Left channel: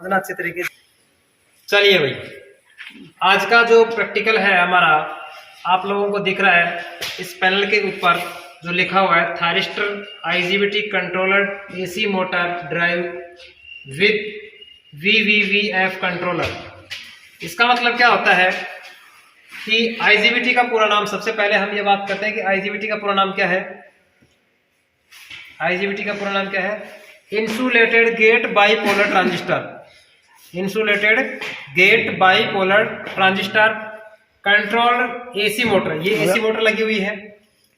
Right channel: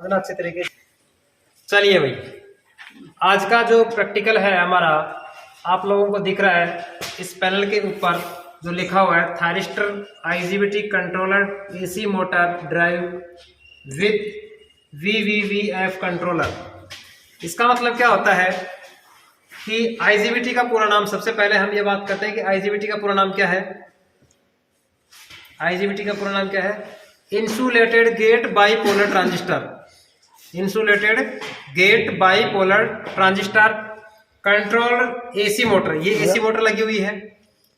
समझना अच्छे तरीके से। चलिए भाई, आज का जो प्रैक्टिकल है हमारा, आप लोगों को दिख रहा है इस पैनल के ऊपर जो लिखा हुआ है thyristor IGBT controller AC motor drive with VVVF controller. इसका मतलब क्या होता है कि आईजीबीटी का पूरा नाम, सबसे पहले हम ये बात करते हैं कि आईजीबीटी का पूरा नाम क्या है। आईजीबीटी का पूरा नाम क्या है? Insulated gate bipolar transistor. Insulated gate bipolar transistor controller AC motor, ये एसी मोटर लगी हुई है,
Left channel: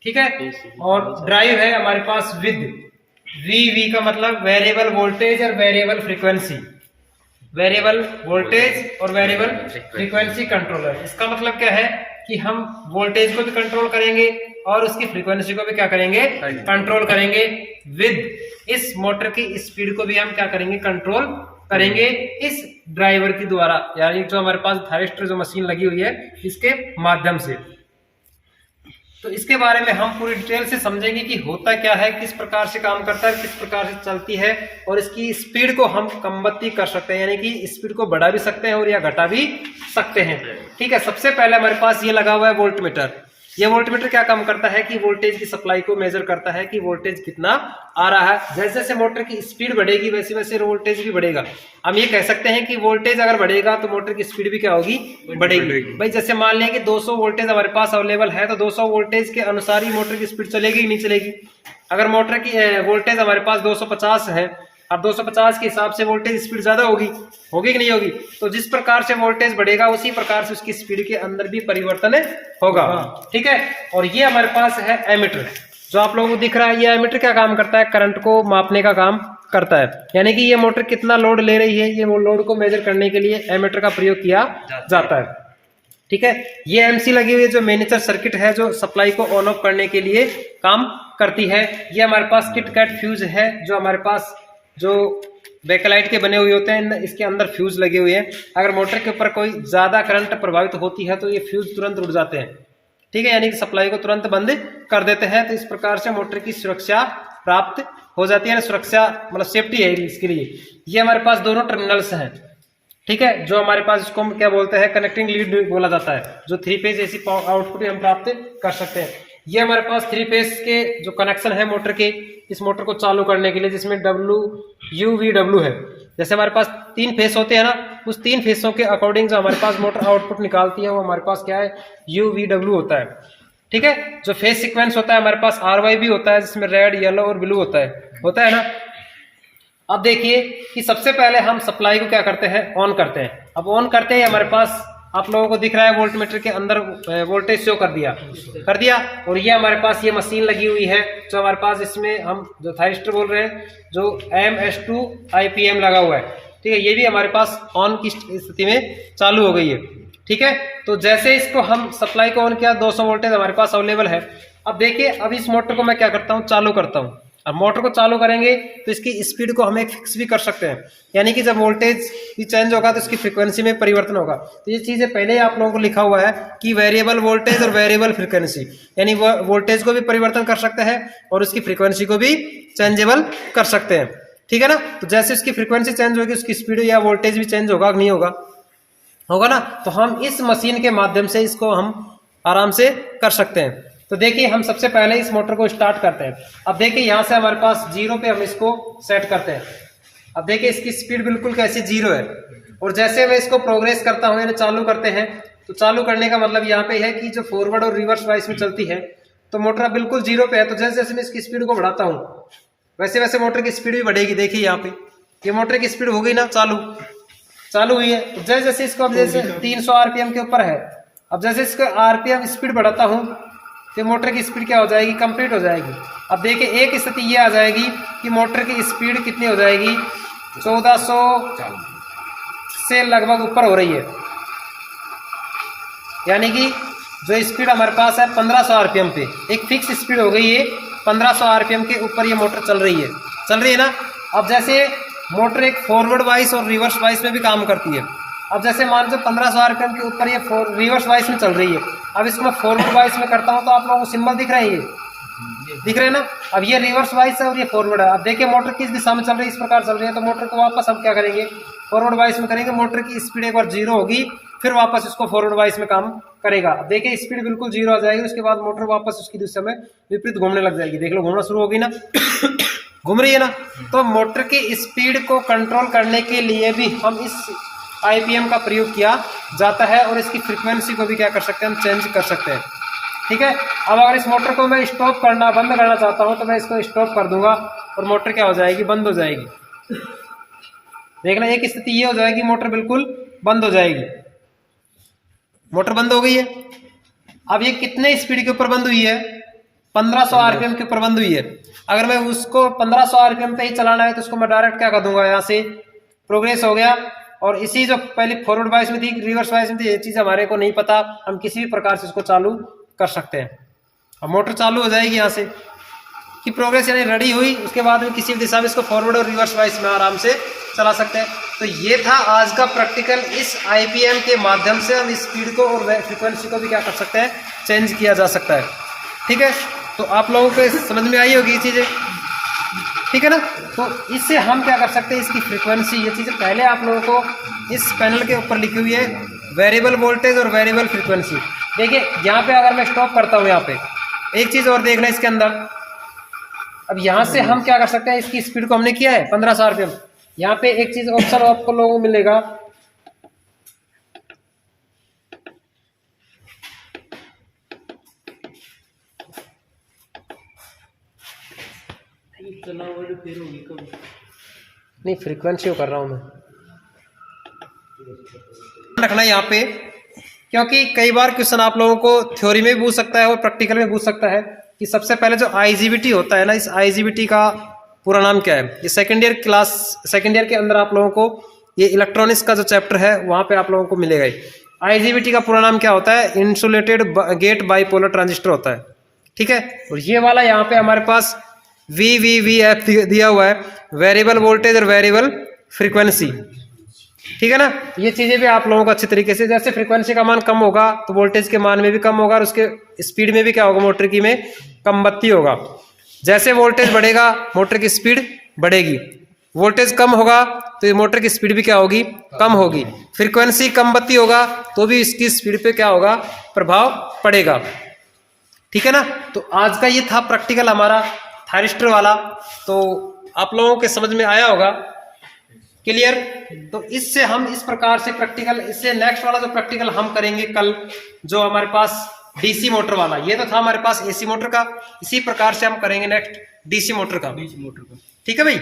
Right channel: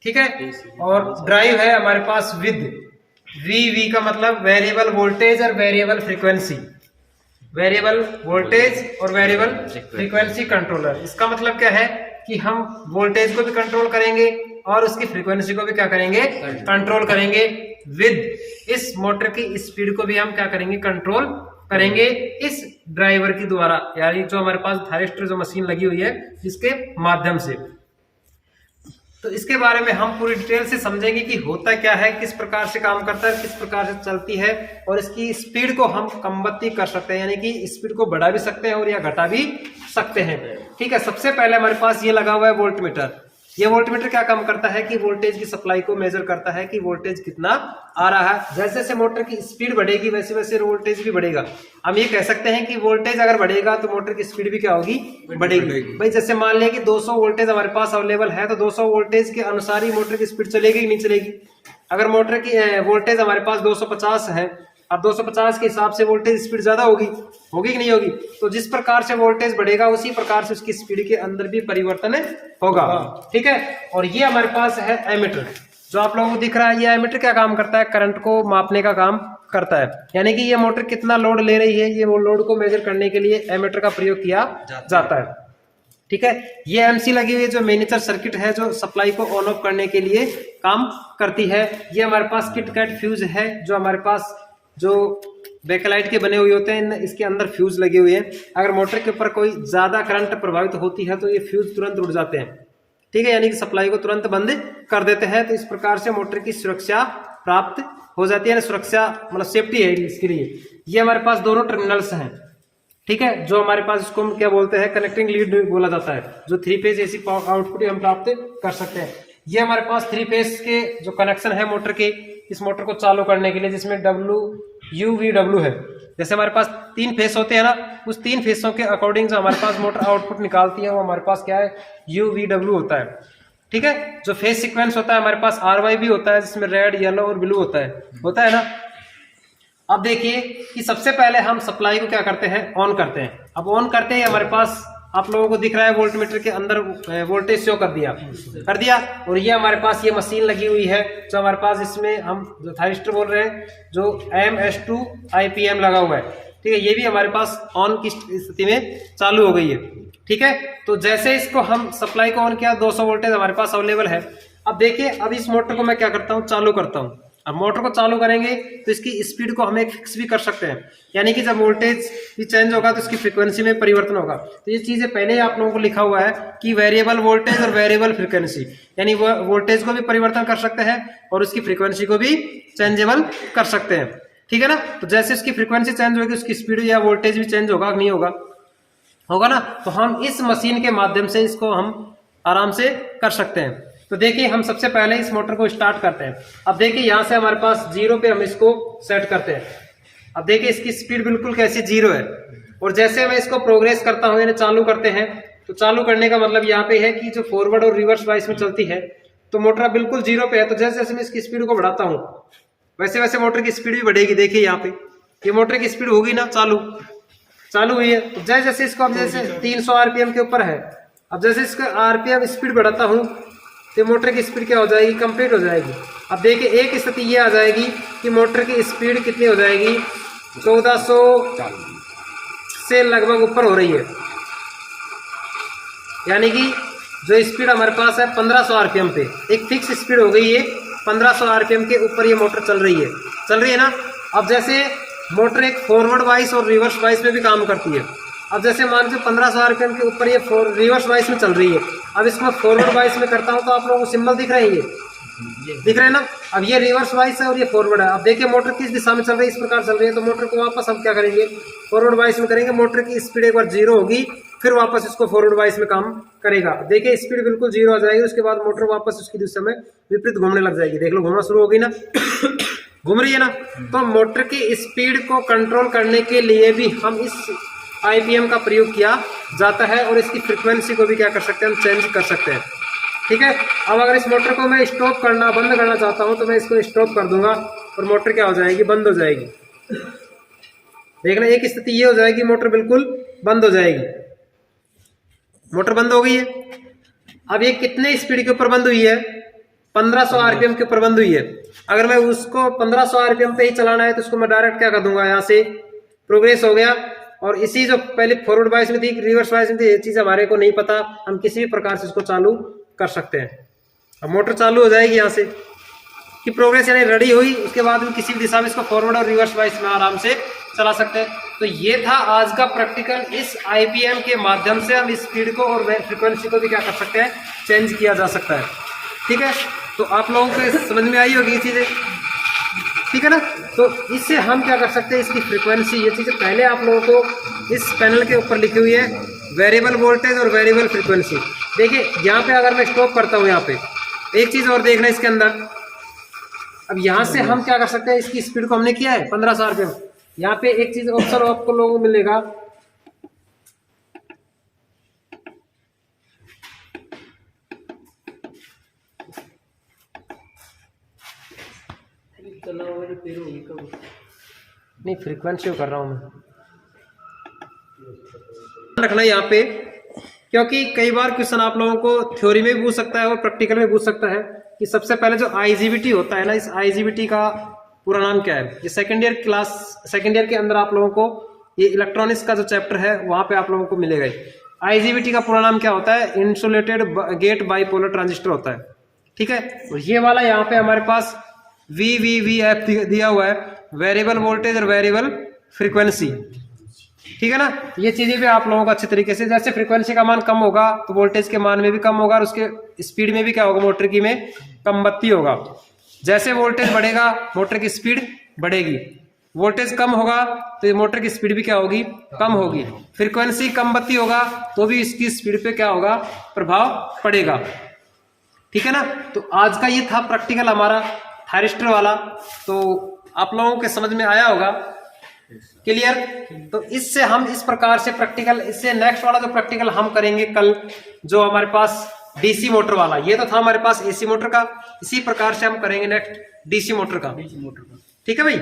ठीक है। और ड्राइव है हमारे पास विद VV का मतलब वेरिएबल वोल्टेज और वेरिएबल फ्रीक्वेंसी, वेरिएबल वोल्टेज और वेरिएबल फ्रीक्वेंसी कंट्रोलर। इसका मतलब क्या है कि हम वोल्टेज को भी कंट्रोल करेंगे और उसकी फ्रीक्वेंसी को भी क्या करेंगे? कंट्रोल करेंगे। विद इस मोटर की स्पीड को भी हम क्या करेंगे? कंट्रोल करेंगे इस ड्राइवर के द्वारा, यानी जो हमारे पास थायरिस्टर जो मशीन लगी हुई है इसके माध्यम से। तो इसके बारे में हम पूरी डिटेल से समझेंगे कि होता क्या है, किस प्रकार से काम करता है, किस प्रकार से चलती है, और इसकी स्पीड को हम कमबत्ती कर सकते हैं, यानी कि स्पीड को बढ़ा भी सकते हैं और या घटा भी सकते हैं, ठीक है। सबसे पहले हमारे पास ये लगा हुआ है वोल्टमीटर। ये वोल्टमीटर क्या काम करता है कि वोल्टेज की सप्लाई को मेजर करता है कि वोल्टेज कितना आ रहा है। जैसे जैसे मोटर की स्पीड बढ़ेगी वैसे वैसे वोल्टेज भी बढ़ेगा। हम ये कह सकते हैं कि वोल्टेज अगर बढ़ेगा तो मोटर की स्पीड भी क्या होगी? बढ़ेगी। भाई जैसे मान लिया कि 200 वोल्टेज हमारे पास अवेलेबल है तो 200 वोल्टेज के अनुसार ही मोटर की स्पीड चलेगी कि नहीं चलेगी। अगर मोटर की वोल्टेज हमारे पास 250 है, अब 250 के हिसाब से वोल्टेज स्पीड ज्यादा होगी कि नहीं होगी? तो जिस प्रकार से वोल्टेज बढ़ेगा उसी प्रकार से उसकी स्पीड के अंदर भी परिवर्तन होगा, ठीक है। और ये हमारे पास है एमीटर, जो आप लोगों को दिख रहा है। ये एमीटर क्या काम करता है? करंट को मापने का काम करता है, यानी कि ये मोटर कितना लोड ले रही है, ये लोड को मेजर करने के लिए एमीटर का प्रयोग किया जाता है, ठीक है। ये एमसी लगी हुई है जो मिनिएचर सर्किट है, जो सप्लाई को ऑन ऑफ करने के लिए काम करती है। ये हमारे पास किट कैट फ्यूज है, जो हमारे पास जो बैकलाइट के बने हुए होते हैं, इसके अंदर फ्यूज लगे हुए हैं। अगर मोटर के ऊपर कोई ज्यादा करंट प्रभावित होती है तो ये फ्यूज तुरंत उड़ जाते हैं, ठीक है, यानी कि सप्लाई को तुरंत बंद कर देते हैं। तो इस प्रकार से मोटर की सुरक्षा प्राप्त हो जाती है, सुरक्षा मतलब सेफ्टी है इसके लिए। ये हमारे पास दोनों टर्मिनल्स हैं, ठीक है, जो हमारे पास इसको हम क्या बोलते हैं? कनेक्टिंग लीड बोला जाता है, जो 3 फेज एसी आउटपुट हम प्राप्त कर सकते हैं। ये हमारे पास 3 फेज के जो कनेक्शन है मोटर के, इस मोटर को चालू करने के लिए, जिसमें WUVW है। जैसे हमारे पास 3 फेस होते हैं ना, उस 3 फेसों के अकॉर्डिंग जो हमारे पास मोटर आउटपुट निकालती है वो हमारे पास क्या है? UVW होता है, ठीक है। जो फेस सीक्वेंस होता है हमारे पास RY भी होता है, जिसमें रेड, येलो और ब्लू होता है ना। अब देखिए कि सबसे पहले हम सप्लाई को क्या करते हैं? ऑन करते हैं। अब ऑन करते हैं हमारे पास आप लोगों को दिख रहा है वोल्टमीटर के अंदर वोल्टेज शो कर दिया। और ये हमारे पास ये मशीन लगी हुई है, जो हमारे पास इसमें हम जो थायरिस्टर बोल रहे हैं, जो MS2 IPM लगा हुआ है, ठीक है। ये भी हमारे पास ऑन की स्थिति में चालू हो गई है, ठीक है। तो जैसे इसको हम सप्लाई को ऑन किया, 200 वोल्टेज हमारे पास अवेलेबल है। अब देखिए, अब इस मोटर को मैं क्या करता हूँ? चालू करता हूँ। अब मोटर को चालू करेंगे तो इसकी स्पीड को हम फिक्स भी कर सकते हैं, यानी कि जब वोल्टेज भी चेंज होगा तो इसकी फ्रीक्वेंसी में परिवर्तन होगा। तो ये चीजें पहले आप लोगों को लिखा हुआ है कि वेरिएबल वोल्टेज और वेरिएबल फ्रीक्वेंसी, यानी वोल्टेज को भी परिवर्तन कर सकते हैं और उसकी फ्रीक्वेंसी को भी चेंजेबल कर सकते हैं, ठीक है ना। तो जैसे उसकी फ्रीक्वेंसी चेंज होगी उसकी स्पीड या वोल्टेज भी चेंज होगा कि नहीं होगा ना। तो हम इस मशीन के माध्यम से इसको हम आराम से कर सकते हैं। तो देखिए, हम सबसे पहले इस मोटर को स्टार्ट करते हैं। अब देखिए, यहाँ से हमारे पास 0 पे हम इसको सेट करते हैं। अब देखिए, इसकी स्पीड बिल्कुल कैसे 0 है। और जैसे मैं इसको प्रोग्रेस करता हूँ, यानी चालू करते हैं, तो चालू करने का मतलब यहाँ पे है कि जो फॉरवर्ड और रिवर्स वाइस में चलती है, तो मोटर बिल्कुल 0 पे है। तो जैसे जैसे मैं इसकी स्पीड को बढ़ाता हूँ वैसे वैसे मोटर की स्पीड भी बढ़ेगी। देखिए यहाँ पे ये मोटर की स्पीड हो गई ना, चालू हुई है। तो जैसे जैसे इसको, अब जैसे 300 RPM के ऊपर है, अब जैसे इसका RPM स्पीड बढ़ाता हूँ तो मोटर की स्पीड क्या हो जाएगी? कंप्लीट हो जाएगी। अब देखिए, एक स्थिति ये आ जाएगी कि मोटर की स्पीड कितनी हो जाएगी? 1400 से लगभग ऊपर हो रही है, यानी कि जो स्पीड हमारे पास है 1500 RPM पे, एक फिक्स स्पीड हो गई है। 1500 RPM के ऊपर ये मोटर चल रही है ना। अब जैसे मोटर एक फॉरवर्ड वाइस और रिवर्स वाइस में भी काम करती है। अब जैसे मान लीजिए 1500 RPM के ऊपर ये रिवर्स वाइस में चल रही है। अब इसको मैं फॉरवर्ड वाइस में करता हूँ तो आप लोगों को सिंबल दिख रहा है, दिख रहे हैं ना। अब ये रिवर्स वाइस है और ये फॉरवर्ड है। अब देखिए मोटर किस दिशा में चल रही है, इस प्रकार चल रही है, तो मोटर को वापस हम क्या करेंगे, फॉरवर्ड वाइस में करेंगे। मोटर की स्पीड एक बार 0 होगी, फिर वापस इसको फॉरवर्ड वाइस में काम करेगा। अब देखिए स्पीड बिल्कुल 0 आ जाएगी, उसके बाद मोटर वापस उसकी दिशा में विपरीत घूमने लग जाएगी। देख लो घूमना शुरू होगी ना, घूम रही है ना। तो मोटर की स्पीड को कंट्रोल करने के लिए भी हम इस आईपीएम का प्रयोग किया जाता है और इसकी फ्रीक्वेंसी को भी क्या कर सकते हैं, हम चेंज कर सकते हैं। ठीक है। अब अगर इस मोटर को मैं स्टॉप करना, बंद करना चाहता हूं, तो मैं इसको स्टॉप कर दूंगा और मोटर क्या हो जाएगी, बंद हो जाएगी। देखना एक स्थिति ये हो जाएगी, मोटर बिल्कुल बंद हो जाएगी। मोटर बंद हो गई है। अब ये कितने स्पीड के ऊपर बंद हुई है, 1500 आरपीएम के ऊपर बंद हुई है। अगर मैं उसको 1500 आरपीएम पे ही चलाना है तो उसको मैं डायरेक्ट क्या कर दूंगा, यहाँ से प्रोग्रेस हो गया। और इसी जो पहले फॉरवर्ड वाइस में थी, रिवर्स वाइस में थी, ये चीज हमारे को नहीं पता, हम किसी भी प्रकार से इसको चालू कर सकते हैं। अब मोटर चालू हो जाएगी यहाँ से कि प्रोग्रेस यानी रेडी हुई, उसके बाद में किसी भी दिशा में इसको फॉरवर्ड और रिवर्स वाइस में आराम से चला सकते हैं। तो ये था आज का प्रैक्टिकल। इस आईपीएम के माध्यम से हम स्पीड को और फ्रिक्वेंसी को भी क्या कर सकते हैं, चेंज किया जा सकता है। ठीक है। तो आप लोगों को समझ में आई होगी ये चीज़ें, ठीक है ना। तो इससे हम क्या कर सकते हैं, इसकी फ्रीक्वेंसी, ये चीज़ें पहले आप लोगों को इस पैनल के ऊपर लिखी हुई है, वेरिएबल वोल्टेज और वेरिएबल फ्रीक्वेंसी। देखिए यहाँ पे अगर मैं स्टॉप करता हूँ, यहाँ पे एक चीज़ और देखना इसके अंदर। अब यहाँ से हम क्या कर सकते हैं, इसकी स्पीड को हमने किया है 1500 आरपीएम। यहाँ पे एक चीज़ ऑप्शन आपको लोगों को मिलेगा, नहीं फ्रीक्वेंसी कर रहा हूँ मैं, रखना यहाँ पे, क्योंकि कई बार क्वेश्चन आप लोगों को थ्योरी में भी पूछ सकता है और प्रैक्टिकल में पूछ सकता है कि सबसे पहले जो आईजीबीटी होता है ना, इस आईजीबीटी का पूरा नाम क्या है। ये सेकेंड ईयर के अंदर आप लोगों को ये इलेक्ट्रॉनिक्स का जो चैप्टर है वहाँ पे आप लोगों को मिलेगा। आईजीबीटी का पूरा नाम क्या होता है, इंसुलेटेड गेट बाइपोलर ट्रांजिस्टर होता है। ठीक है। और ये वाला यहाँ पे हमारे पास VVVF दिया हुआ है, वेरिएबल वोल्टेज और वेरिएबल फ्रीक्वेंसी। ठीक है ना। ये चीजें भी आप लोगों को अच्छे तरीके से, जैसे फ्रीक्वेंसी का मान कम होगा तो वोल्टेज के मान में भी कम होगा और उसके स्पीड में भी क्या होगा, मोटर की में कम बत्ती होगा। जैसे वोल्टेज बढ़ेगा मोटर की स्पीड बढ़ेगी, वोल्टेज कम होगा तो ये मोटर की स्पीड भी क्या होगी, कम होगी। फ्रीक्वेंसी कम बत्ती होगा तो भी इसकी स्पीड पे क्या होगा, प्रभाव पड़ेगा। ठीक है ना। तो आज का ये था प्रैक्टिकल हमारा थायरिस्टर वाला, तो आप लोगों के समझ में आया होगा, क्लियर। तो इससे हम इस प्रकार से प्रैक्टिकल, इससे नेक्स्ट वाला जो प्रैक्टिकल हम करेंगे कल, जो हमारे पास डीसी मोटर वाला, ये तो था हमारे पास एसी मोटर का, इसी प्रकार से हम करेंगे नेक्स्ट डीसी मोटर का। ठीक है भाई।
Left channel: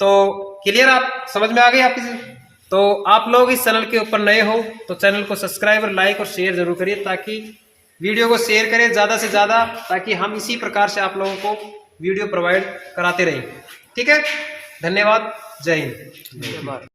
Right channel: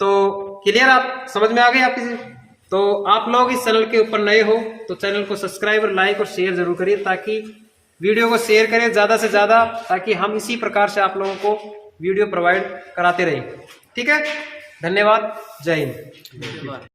तो क्लियर, आप समझ में आ गए आपकी। तो आप लोग इस चैनल के ऊपर नए हो तो चैनल को सब्सक्राइब और लाइक और शेयर जरूर करिए, ताकि वीडियो को शेयर करें ज़्यादा से ज़्यादा, ताकि हम इसी प्रकार से आप लोगों को वीडियो प्रोवाइड कराते रहें। ठीक है। धन्यवाद। जय हिंद।